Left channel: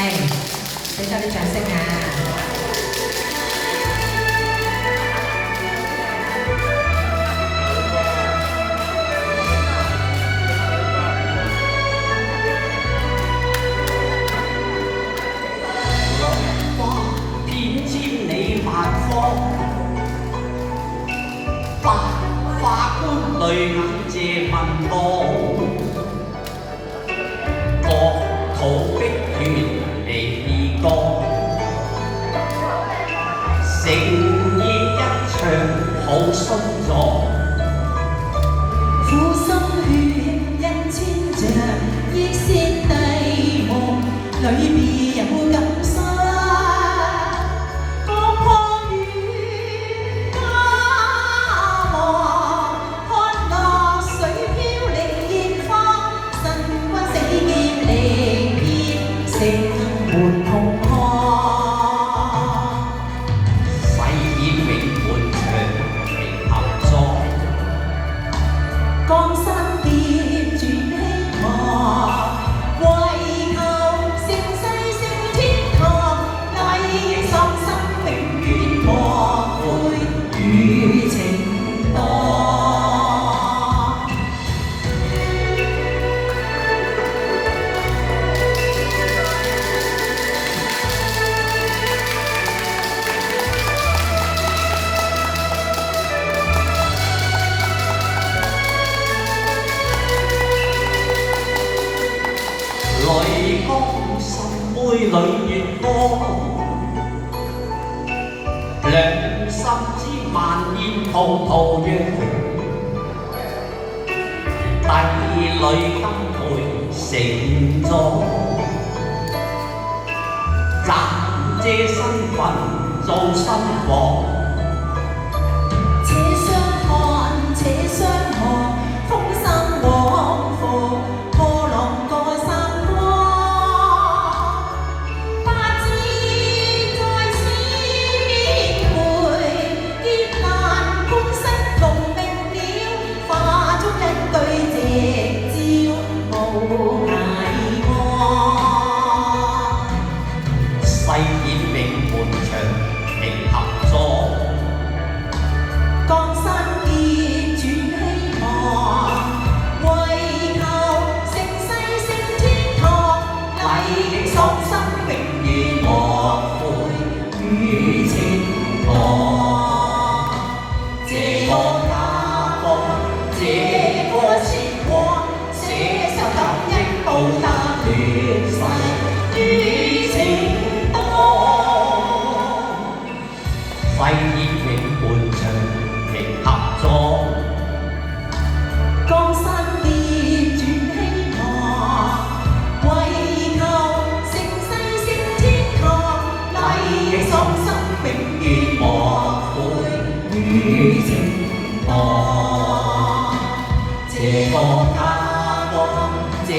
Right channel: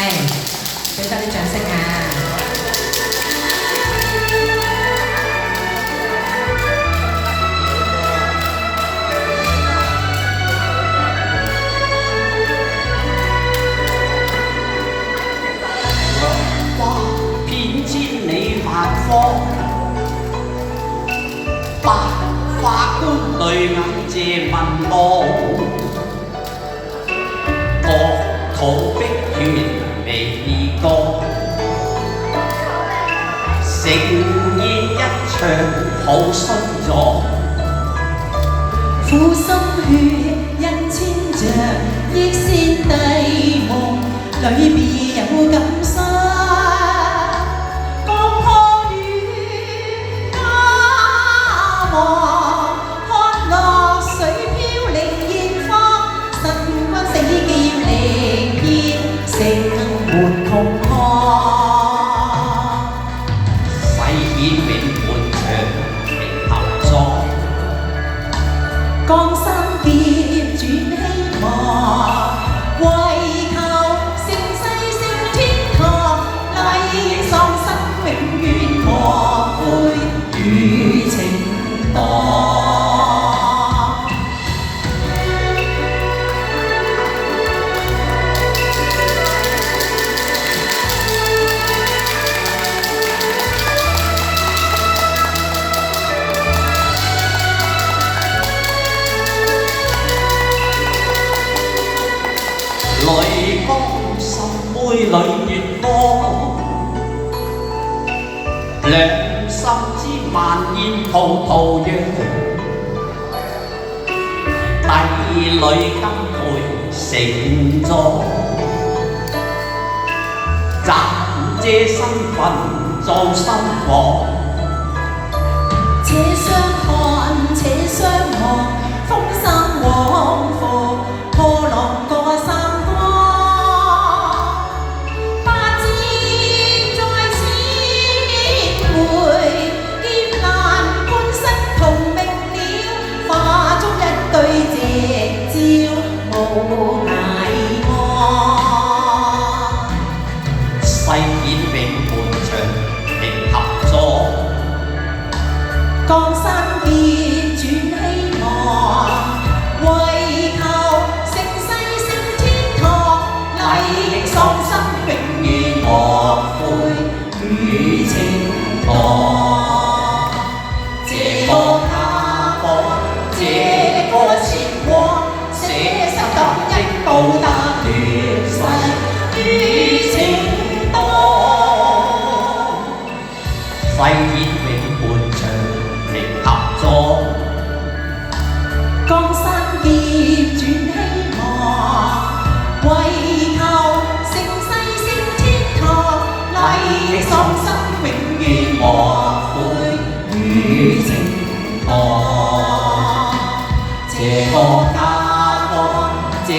俾多啲掌聲啊！偏知你萬科，百法官淚眼借問我，國土碧血未過，誠意一場好心咗，苦心血印千丈，億仙帝夢裏別有感傷。淚光心杯裏越多，良心之萬煙葡萄釀，帝女金杯成座，暫借身份做心房，且相看且相望，風生往復，破浪過三江。八字在此回，艱難半生同命了，化作一對夕照無涯岸。誓言永伴長明合作。誓言永伴長明合作，江山劫轉希望，為求盛世升天堂，禮的喪心永遠莫悔於情愛。這個家國，這